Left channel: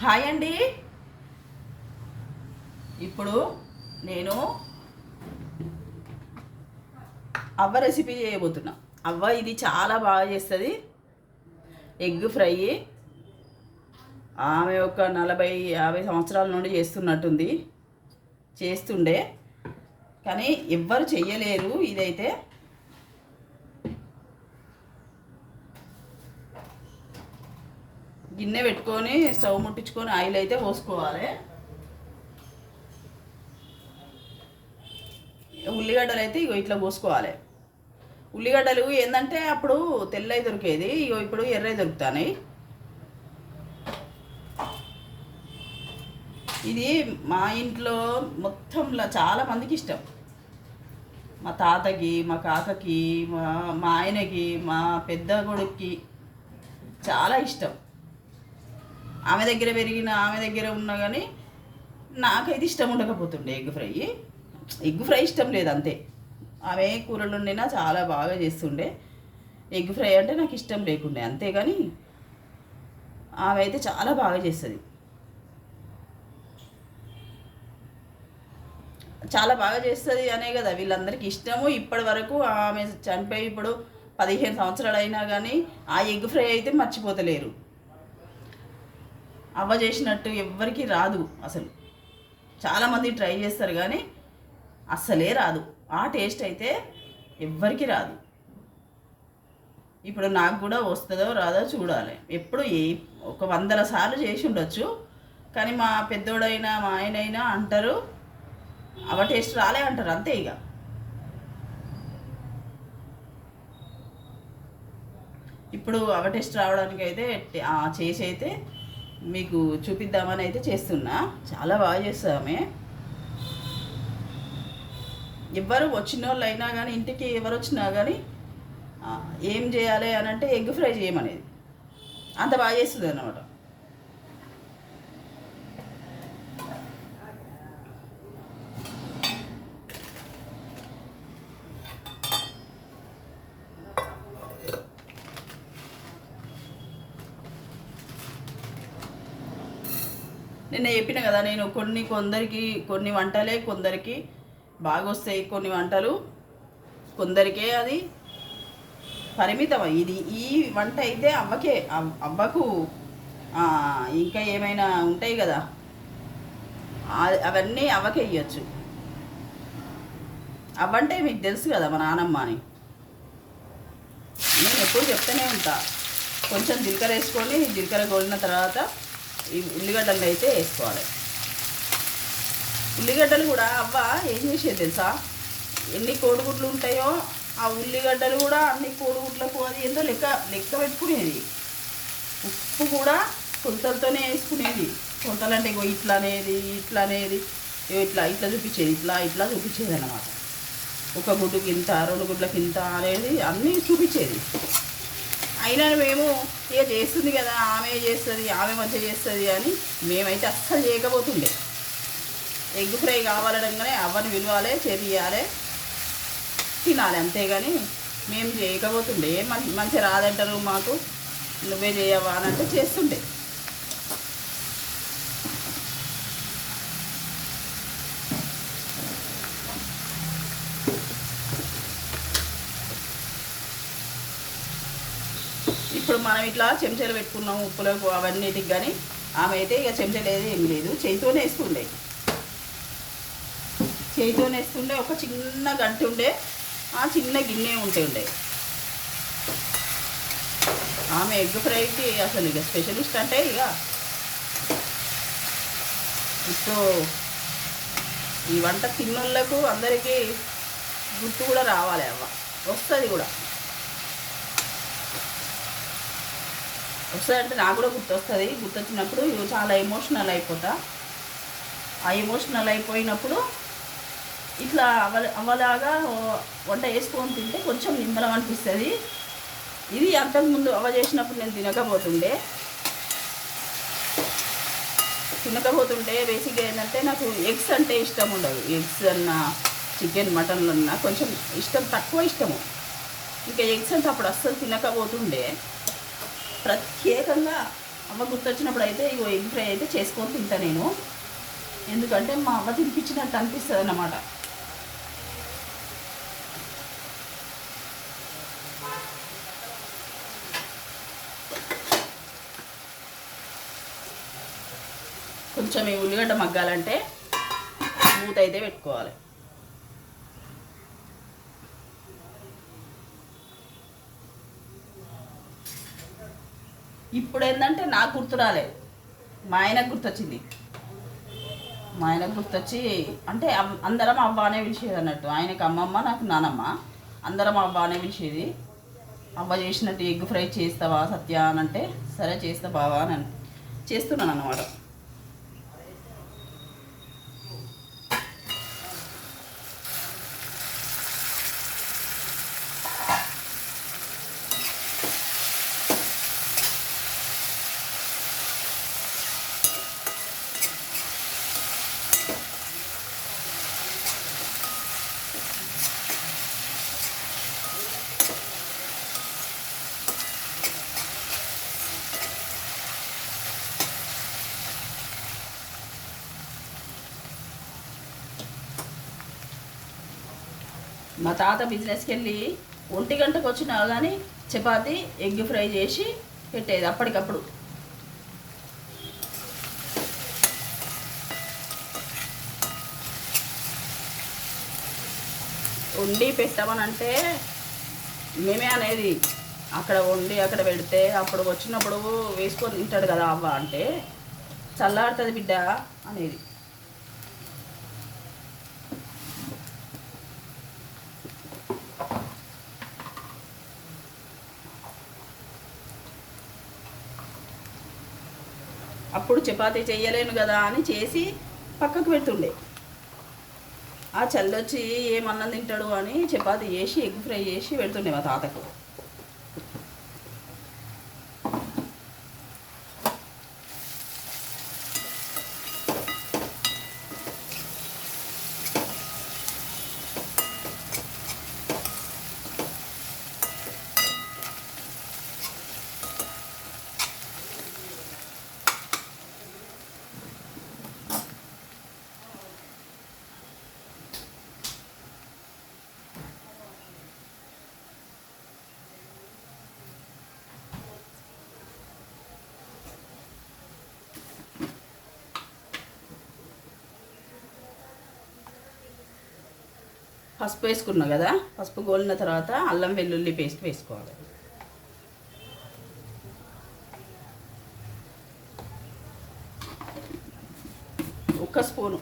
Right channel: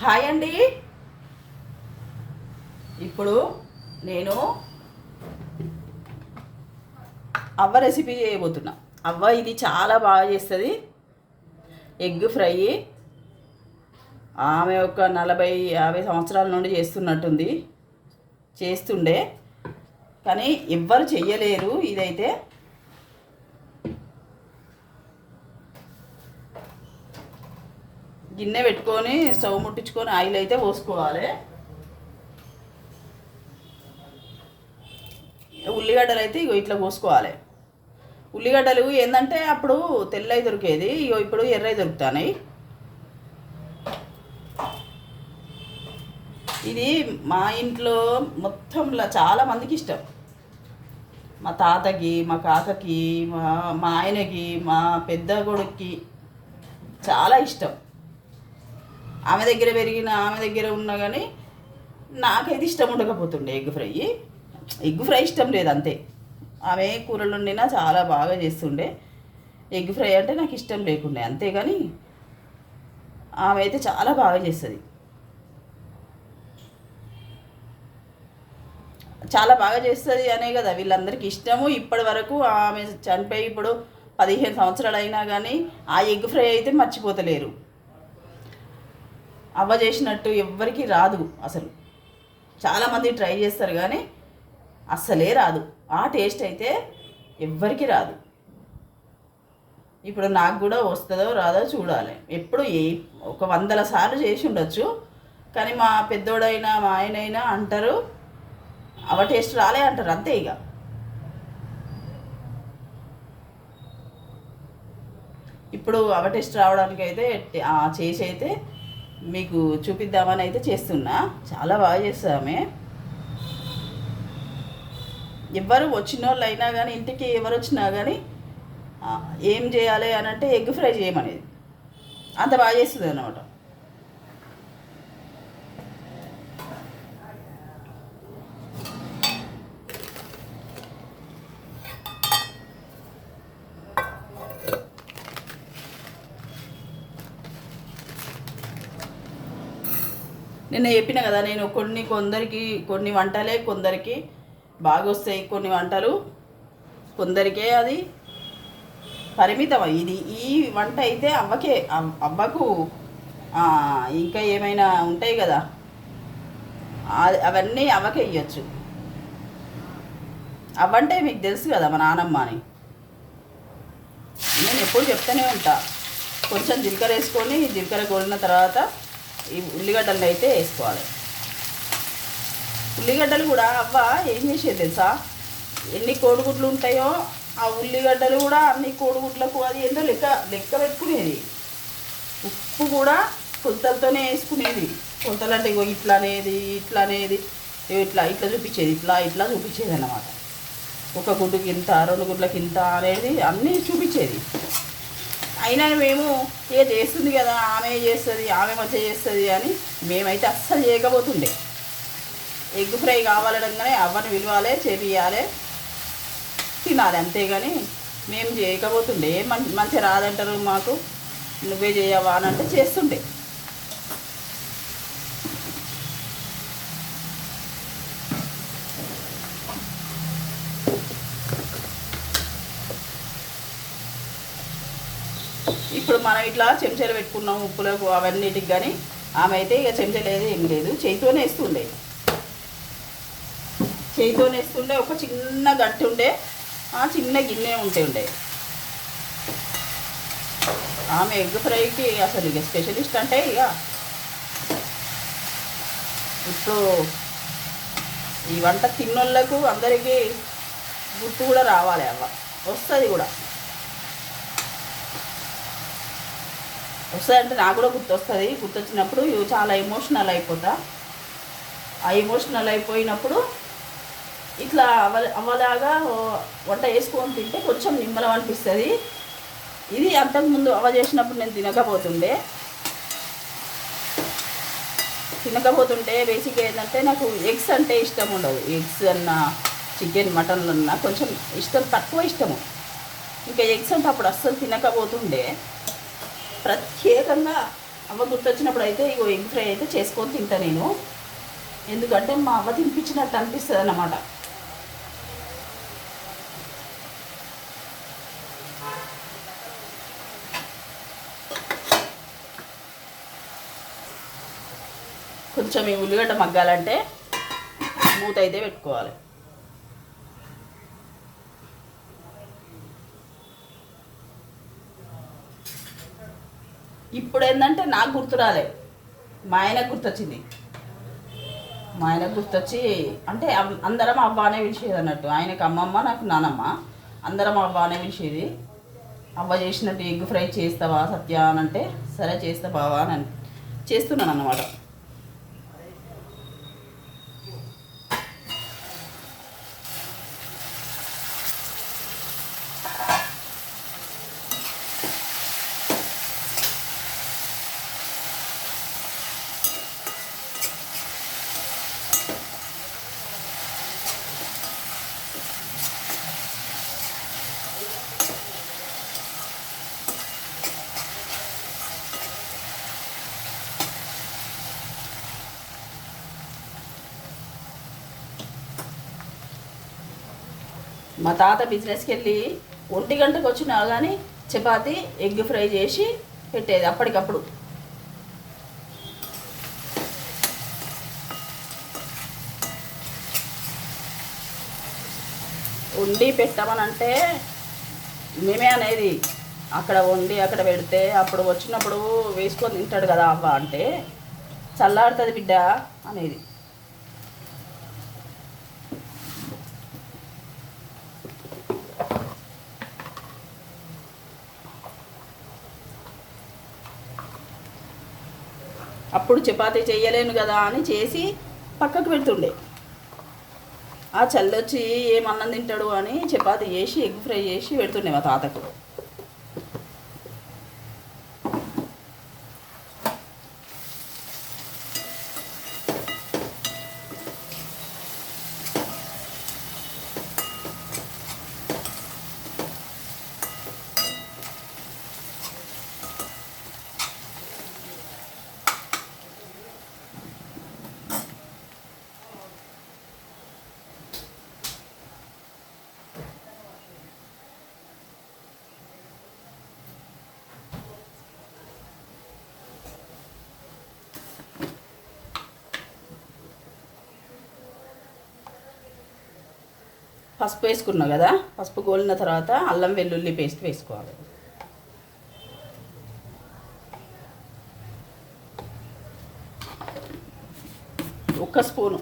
Hi అండి. ఇప్పుడు నేను అవ్వ రెసిపీ చేయబోతున్నా. అవ్వ ఇది చాలా బాగా చేస్తుంది. ఎగ్ ఫ్రై ఆమె ఒక 40-50 సంవత్సరాల నుండి చేస్తుండే కానీ ఎవ్వరు చెయ్యలేరు. ఇదైతే గిన్నె పెట్టుకొని స్టవ్ ముట్టించుకొని ఆయిల్ అయితే పోసుకోవాలి. ఉల్లిగడ్డలు అయితే ఇట్లా పోసుకోవాలి. ఉల్లిగడ్డలు ఏంటంటే అప్పుడు తెల్లవి దొరికేది, ఇప్పుడు ఎర్రవి దొరుకుతాయి. ఇది మా ఇంట్లో మొత్తంలో చాలా మందికి ఇష్టం. మా తాతకి, మా కాకకి, మా ఆయనకి, మా పెద్ద కొడుక్కి చాలా ఇష్టం. ఆమె దగ్గర పెరిగిన, ఆమె దగ్గర ఉన్నా కానీ నాకైతే ఇష్టం ఉండకపోతుండే ఎగ్ ఫ్రై ఇష్టం లేదు అంతే. ఆమె కూరలు వండినా చాలా బాగా చేస్తుండే. ఎగ్ ఫ్రై అంటే నాకు ఇష్టం లేకుండే అంతేగాని ఆమె అయితే చాలా బాగా చేస్తుంది. చాలా బాగా చేస్తుంది అనే కదా వీళ్ళందరికీ ఇష్టము. ఇప్పటి వరకు ఆమె చనిపోయి ఇప్పుడు 15 సంవత్సరాలు అయినా కానీ ఆ ఎగ్ ఫ్రై అయితే మర్చిపోతలేరు. అవ్వ చేసినట్టు ఎవ్వరికి రాదు అసలు. చాలామంది ట్రై చేస్తారు కానీ అస్సలే రాదు. ఆ టేస్ట్ అయితే ఎవ్వరికి రాదు. ఇప్పుడు నాకు కూడా వస్తుందో రాదో చూడాలి. ఎప్పుడు ఒక 100 సార్లు చేసి ఉండొచ్చు కానీ మా పెద్దోడైనా మా ఆయనైనా అంటారు అవ టేస్ట్ రాలే అంటారు అంతే. ఇక ఇప్పుడు అవ టేస్ట్ రావడానికి అయితే చేసి అయితే మీకు చూపిద్దామని అయితే చేస్తున్నా. చాలా బాగా చేస్తామే. ఎవరు వచ్చిన వాళ్ళు అయినా కానీ, ఇంటికి ఎవరు వచ్చినా కానీ ఏం చేయాలి అని అంటే ఎగ్ ఫ్రై చేయమనేది. అంత బాగా చేస్తుంది అన్నమాట. నేను చెప్పిన కదా, నేను కొన్ని వంటలే కొందరికి బాగా వస్తాయి, కొన్ని వంటలు కొందరికే అది పరిమితం. ఈ వంట అయితే అవ్వకు ఇంకా ఏమైనా ఉంటాయి కదా అవన్నీ అవ్వకే ఇవ్వచ్చు. అవ్వంటే మీకు తెలుసు కదా మా నానమ్మ అని. నేను ఎప్పుడు చెప్తూనే ఉంటా. కొంచెం జీలకర్ర వేసుకొని, జీలకర్ర కొలిన తర్వాత ఈ ఉల్లిగడ్డలు అయితే వేసుకోవాలి. ఉల్లిగడ్డలు కూడా అవ్వ ఏం చేసేది తెలుసా, ఎన్ని కోడిగుడ్లు ఉంటాయో ఆ ఉల్లిగడ్డలు కూడా అన్ని కోడిగుడ్లకు అది ఏంటో లెక్క పెట్టుకునేది. ఉప్పు కూడా కొలతలతోనే వేసుకునేది. కొలతలు అంటే ఇట్లా అనేది ఇట్లా చూపించేది, ఇట్లా చూపించేది అన్నమాట. ఒక గుడ్డుకి ఇంత, 2 గుడ్లకి ఇంత అనేది అన్నీ చూపించేది. అయినా మేము ఇక చేస్తుంది కదా, ఆమె చేస్తుంది, ఆమె మంచిగా చేస్తుంది అని మేమైతే అస్సలు చేయకపోతుండే. ఎగ్ ఫ్రై కావాలనగానే అవ్వని విలువాలి, చేపియాలి, తినాలి అంతేగాని మేము చేయకపోతుండే. మంచిగా రాదంటారు మాకు, నువ్వే చేయవా అని అంటే చేస్తుండే. ఇప్పుడు మనం ఇట్లా చెంచాలు పెట్టుకున్నాం ఉప్పులకు అవన్నిటికి, కానీ ఆమె అయితే ఇక చెంచాలు ఏం లేదు, చేతితోనే వేస్తుండే. ఒక చిన్న గంట ఉండే, ఆ చిన్న గిన్నె ఉండే. ఆమె ఎగ్ ఫ్రైకి అసలు ఇక స్పెషలిస్ట్ అంటే ఇక ఇప్పుడు ఈ వంట తిన్నోళ్ళకు అందరికీ గుర్తు కూడా రావాలి. అవ్వ వస్తుంది అంటే నాకు కూడా గుర్తొస్తుంది. గుర్తొచ్చినప్పుడు చాలా ఎమోషనల్ అయిపోతా. ఆ ఎమోషనల్ అయిపోయినప్పుడు ఇట్లా అవ్వలాగా వంట వేసుకొని తింటే కొంచెం నిమ్మలం అనిపిస్తుంది. ఇది అంతకుముందు అవ్వ చేసినప్పుడు నేను తినకపోతుంటే బేసిక్గా ఏంటంటే నాకు ఎగ్స్ అంటే ఇష్టం ఉండదు. ఎగ్స్ అన్న, చికెన్, మటన్ అన్న కొంచెం తక్కువ ఇష్టము. ఇంకా ఎగ్స్ అంటే అప్పుడు అస్సలు తినకపోతుండే. ప్రత్యేకంగా అవ్వ గుర్తొచ్చినప్పుడు అయితే ఇగో ఎగ్ ఫ్రై అయితే చేసుకొని తింటా నేను, ఎందుకంటే మా అవ్వ తినిపించినట్టు అనిపిస్తుంది అన్నమాట. కొంచెం ఈ ఉల్లిగడ్డ మగ్గాలంటే మూత అయితే పెట్టుకోవాలి. ఇప్పుడు ఏంటంటే నాకు గుర్తు రాలే, మా ఆయనకు గుర్తొచ్చింది. మా ఆయనకు గుర్తొచ్చి అంటే అందరం అవ్వ అనే పిలిచేది అన్నట్టు. ఆయనకు అమ్మమ్మ, నాకు నానమ్మ, అందరం అవ్వ అనే పిలిచేది. అవ్వ చేసినట్టు ఎగ్ ఫ్రై చేస్తావా సత్య అని అంటే, సరే చేస్తా బావా అని చేస్తున్నాను అన్నమాట. మా తాత బిజినెస్కి వెళ్ళి 1 గంటకు వచ్చినా కానీ చపాతి ఎగ్ ఫ్రై చేసి పెట్టేది అప్పటికప్పుడు. వండి పెట్టమనంటే మేమే అనేది, అక్కడ వండి అక్కడ పెడితే అప్పుడు వచ్చినప్పుడు వేసుకొని తింటాడు కదా అవ్వ అంటే, చల్లారుతుంది బిడ్డ అనేది. అప్పుడు చపాతీ చేయలేను కదా అని చేసి పక్కకు పెడుతుండే. ఆ చల్లొచ్చి ఏమన్నం తింటాడు అని చపాతీ చేసి ఎగ్ ఫ్రై చేసి పెడుతుండే మా తాతకు. పసుపు వేసుకున్నా కదా, పసుపు గోలిన తర్వాత అల్లం వెల్లుల్లి పేస్ట్ వేసుకోవాలి. ఒక స్పూను.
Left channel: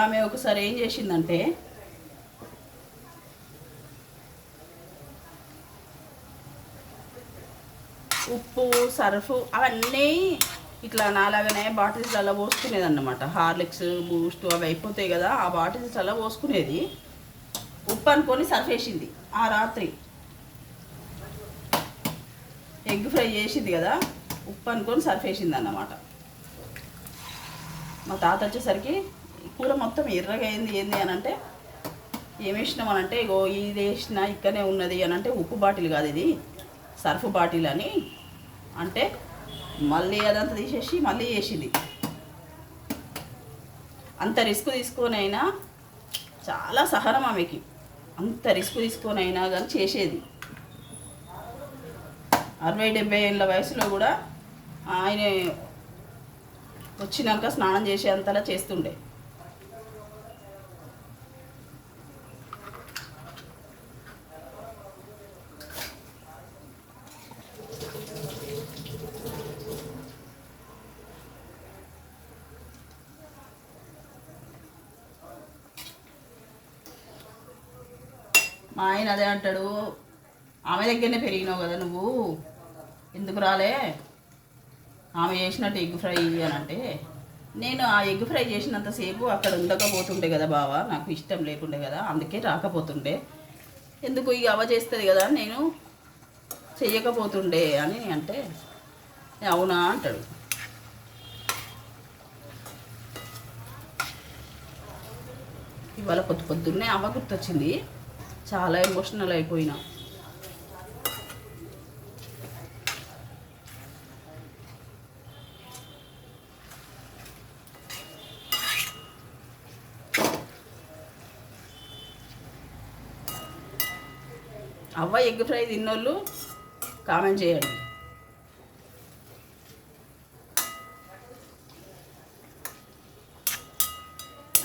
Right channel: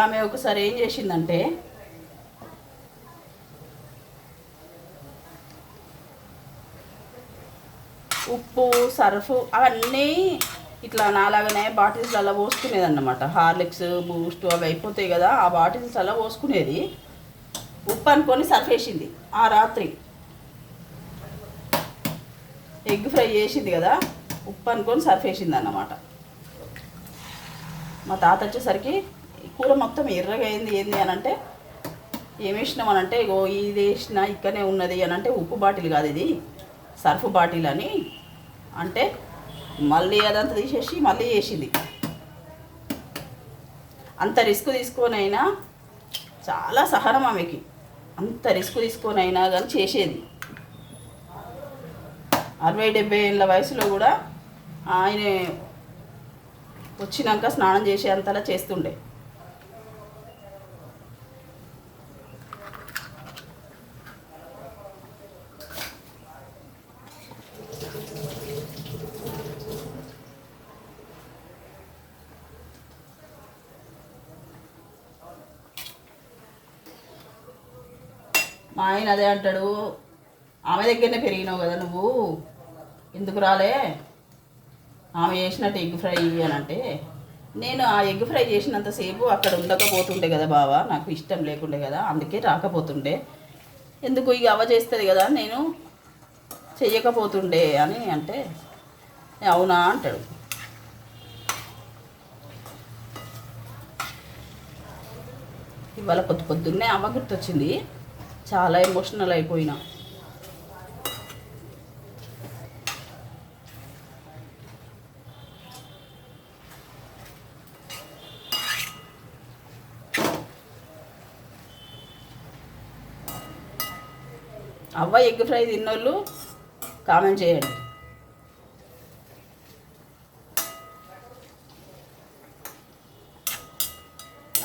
ఆమె ఒకసారి ఏం చేసిందంటే, ఉప్పు సర్ఫ్ అవన్నీ ఇట్లా నాలాగానే బాటిల్స్లలో పోసుకునేది అన్నమాట. హార్లిక్స్ బూస్ట్ అవి అయిపోతాయి కదా, ఆ బాటిల్స్ అలా పోసుకునేది. ఉప్పు అనుకొని సర్ఫ్ వేసింది ఆ రాత్రి. ఎగ్ ఫ్రై చేసింది కదా, ఉప్పు అనుకొని సర్ఫ్ వేసింది అన్నమాట. మా తాత వచ్చేసరికి కూర మొత్తం ఎర్రగా అయింది ఏంది అని అంటే, ఏమి వేసినాం అని అంటే, ఇగో ఇది వేసిన ఇక్కడనే ఉన్నది అని అంటే, ఉప్పు బాటిల్ కాదు ఇది సర్ఫ్ బాటిల్ అని అంటే, మళ్ళీ అదంతా తీసేసి మళ్ళీ వేసింది. అంత రిస్క్ తీసుకొనైనా చాలా సహనం ఆమెకి, అంత రిస్క్ తీసుకొని అయినా కానీ చేసేది. 60-70 ఏళ్ళ వయసులో కూడా ఆయన వచ్చినాక స్నానం చేసే అంతలా చేస్తుండే. మా ఆయన అదే అంటాడు, ఆమె దగ్గరనే పెరిగినావు కదా నువ్వు, ఎందుకు రాలే ఆమె చేసినట్టు ఎగ్ ఫ్రై అని అంటే, నేను ఆ ఎగ్ ఫ్రై చేసినంతసేపు అక్కడ ఉండకపోతుండే కదా బావా, నాకు ఇష్టం లేకుండే కదా, అందుకే రాకపోతుండే, ఎందుకు ఇక అవ్వ చేస్తుంది కదా నేను చెయ్యకపోతుండే అని అంటే, అవునా అంటాడు. ఇవాళ పొద్దున్నే అవ్వ గుర్తొచ్చింది, చాలా ఎమోషనల్ అయిపోయినా. అవ్వ ఎగ్ ఫ్రై తిన్నోళ్ళు కామెంట్ చేయండి.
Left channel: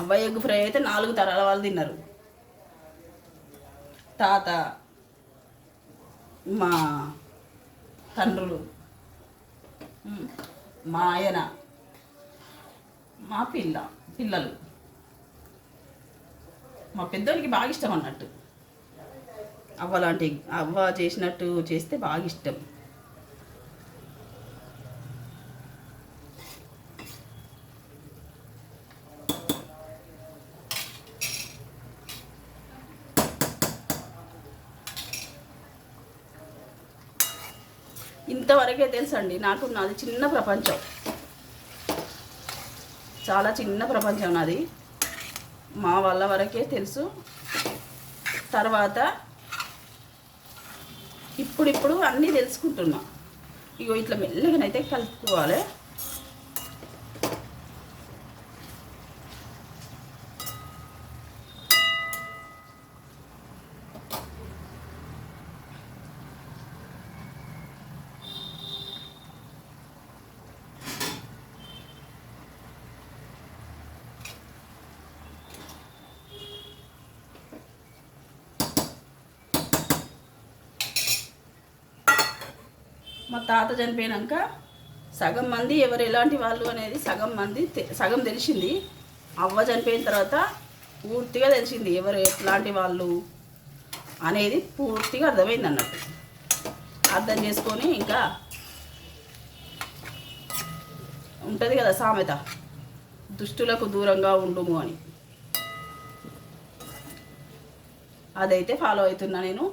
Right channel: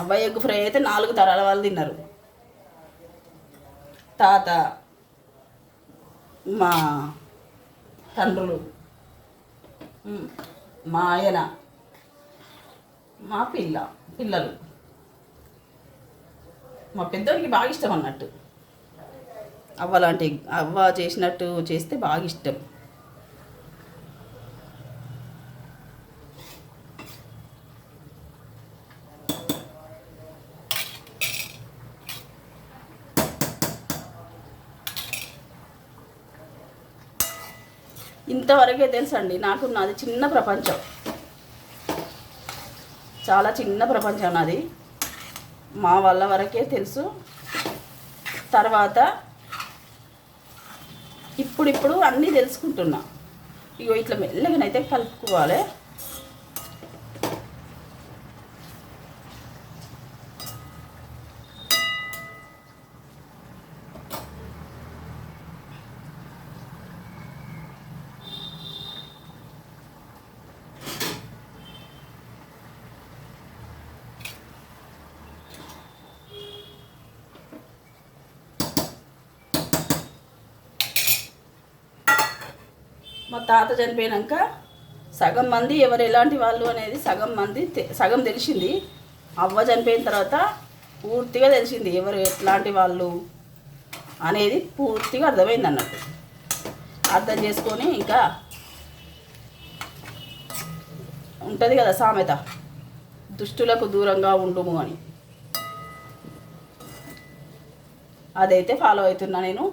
అవ్వ ఎగ్ ఫ్రై అయితే 4 తరాల వాళ్ళు తిన్నారు. తాత, మా తండ్రులు, మా ఆయన, మా పిల్లలు, మా పెద్దోడికి బాగా ఇష్టం అన్నట్టు. అవ్వ చేసినట్టు చేస్తే బాగా ఇష్టం. ఇంతవరకే తెలుసండి నాకు, నాది చిన్న ప్రపంచం, చాలా చిన్న ప్రపంచం నాది. మా వాళ్ళ వరకే తెలుసు. తర్వాత ఇప్పుడు అన్నీ తెలుసుకుంటున్నా. ఇగో ఇట్లా మెల్లగానైతే కలుపుకోవాలి. మా తాత చనిపోయాక సగం మంది ఎవరు ఎలాంటి వాళ్ళు అనేది సగం తెలిసింది. అవ్వ చనిపోయిన తర్వాత పూర్తిగా తెలిసింది ఎవరు ఎట్లాంటి వాళ్ళు అనేది, పూర్తిగా అర్థమైంది అన్నట్టు. అర్థం చేసుకొని ఇంకా ఉంటుంది కదా సామెత, దుష్టులకు దూరంగా ఉండుము అని, అదైతే ఫాలో అవుతున్నా నేను.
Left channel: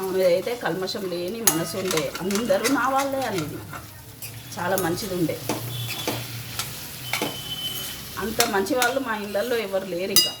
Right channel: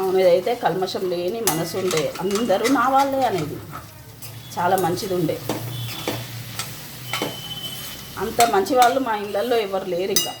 అవును, ఇదైతే కల్మషం లేని మనసు ఉండే, అందరూ నా వాళ్ళే అనేది చాలా మంచిది ఉండే. అంత మంచి వాళ్ళు మా ఇళ్ళల్లో ఎవరు లేరు. ఇంకా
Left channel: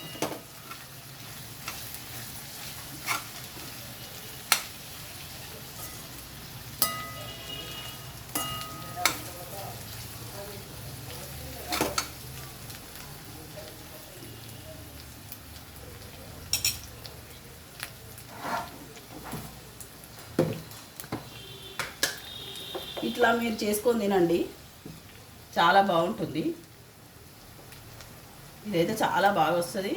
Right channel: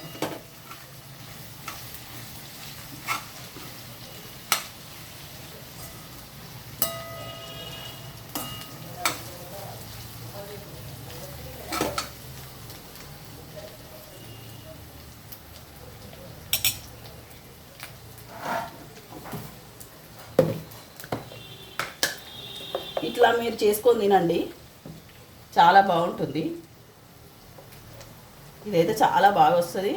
ఇట్లా మీరు చేసుకొని తినండి, చాలా బాగుంటుంది. ఇదైతే చాలా బాగా వస్తుంది,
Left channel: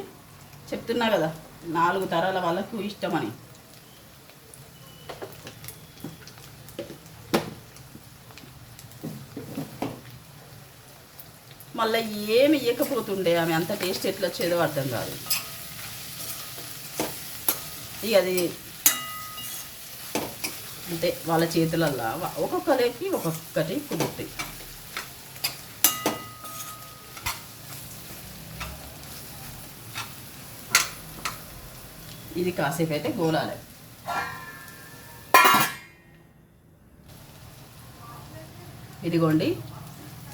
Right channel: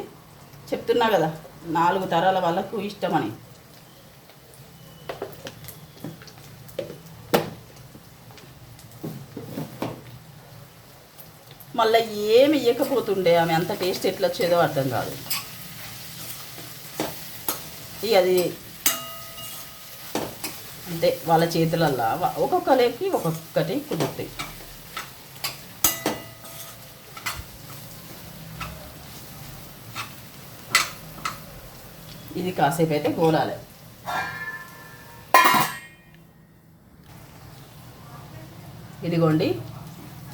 చెప్తున్నా కదా 4 తరాల వాళ్ళకు ఇష్టమని. మళ్ళీ ఏమి ఇవ్వకపోతుండే ఆమె, అంత టేస్ట్ ఎట్లా వచ్చేదో అర్థం కాదు. ఇక అది అంటే వాళ్ళ చేతులల్లా ఒక్కొక్కరికి ఒక్కొక్కటి కుదురుతాయి. ఇది కాసేపు అయితే గోలాలి. ఇదిగోండి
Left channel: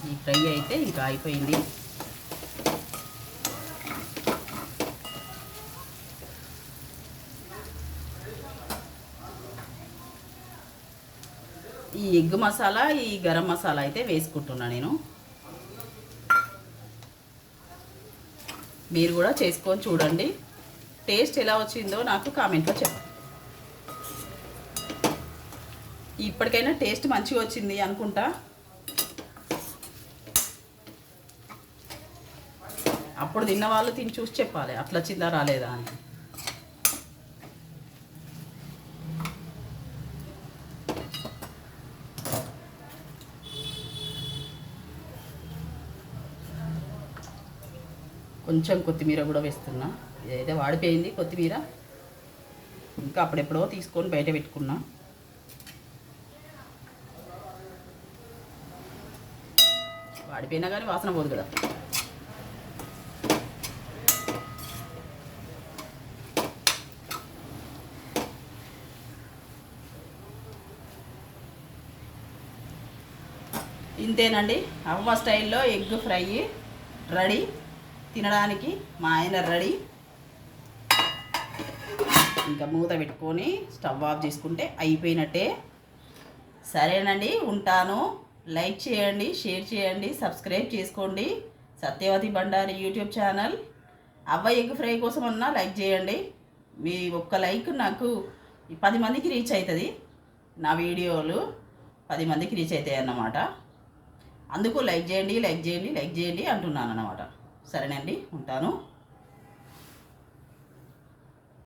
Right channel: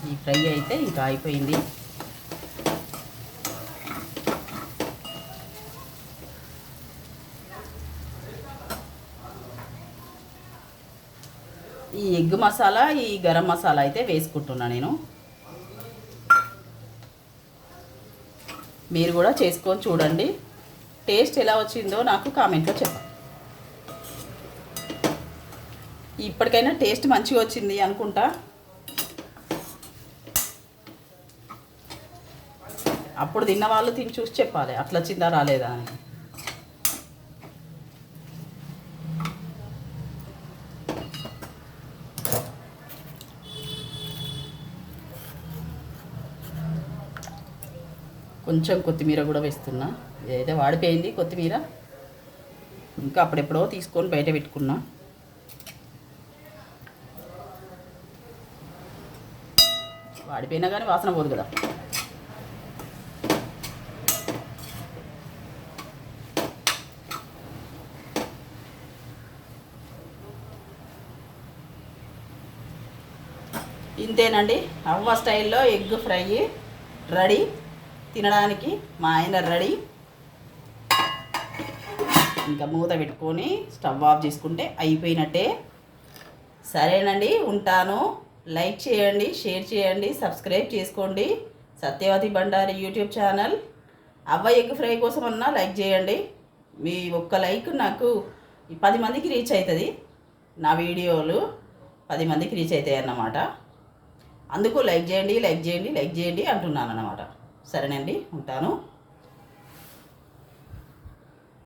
ఈ ఫ్రై అయితే ఇంకా అయిపోయింది. ఈ ఎగ్ మసాలా, ఈ గరం మసాలా అయితే వేసుకుంటున్నా నేను. మీరు కూడా చేసుకొని చూడండి. టేస్ట్ ఎలా వచ్చిందో నాకు కామెంట్లో చెప్పండి. ఇప్పటికైనా టేస్ట్ మంచిగా వచ్చింది అనుకుంటా. అప్పుడు తిన్న వాళ్ళు తిని చూసి చెప్పాలి అట్లా వచ్చిందా రాలేదా అని. కొంచెం కొత్తిమీర కూడా వేస్తున్నా. ఏదైతే వాడిపోయింది కొత్తిమీర, ఇంకా అప్పుడెప్పుడో తీసుకొని బయట పెట్టుకున్నా. వాడిపోయినా కానీ వాసన పోదు కదా. ఇంతేనండి, అవ్వ స్టైల్లో ఎగ్ ఫ్రై రెడీ. తినడానికి మా ఆయన రెడీ. ఇంకా మూత పెట్టుకొని స్టవ్ ఆఫ్ చేసుకుంటే అయిపోయినట్టే. సరేనండి, ఉంటాను. లైక్ చేయండి, షేర్ చేయండి, సబ్స్క్రైబ్ చేసుకోండి. Satyavathi Bandari YouTube channel. అవ్వ ఎగ్ ఫ్రై కోసం అన్నా లైక్ చేయండి. మీ ఒక్క లైక్ నాకు 10 మందికి రీచ్ అవుతుంది. నా వీడియోలు 10 మందికి రీచ్ అవుతాయి అన్నమాట. అందుకు లైక్ చేయండి, లైక్ చేయండి, లైక్ చేయండి అంటున్నాను అన్నమాట. సరేనండి, ఉంటాను.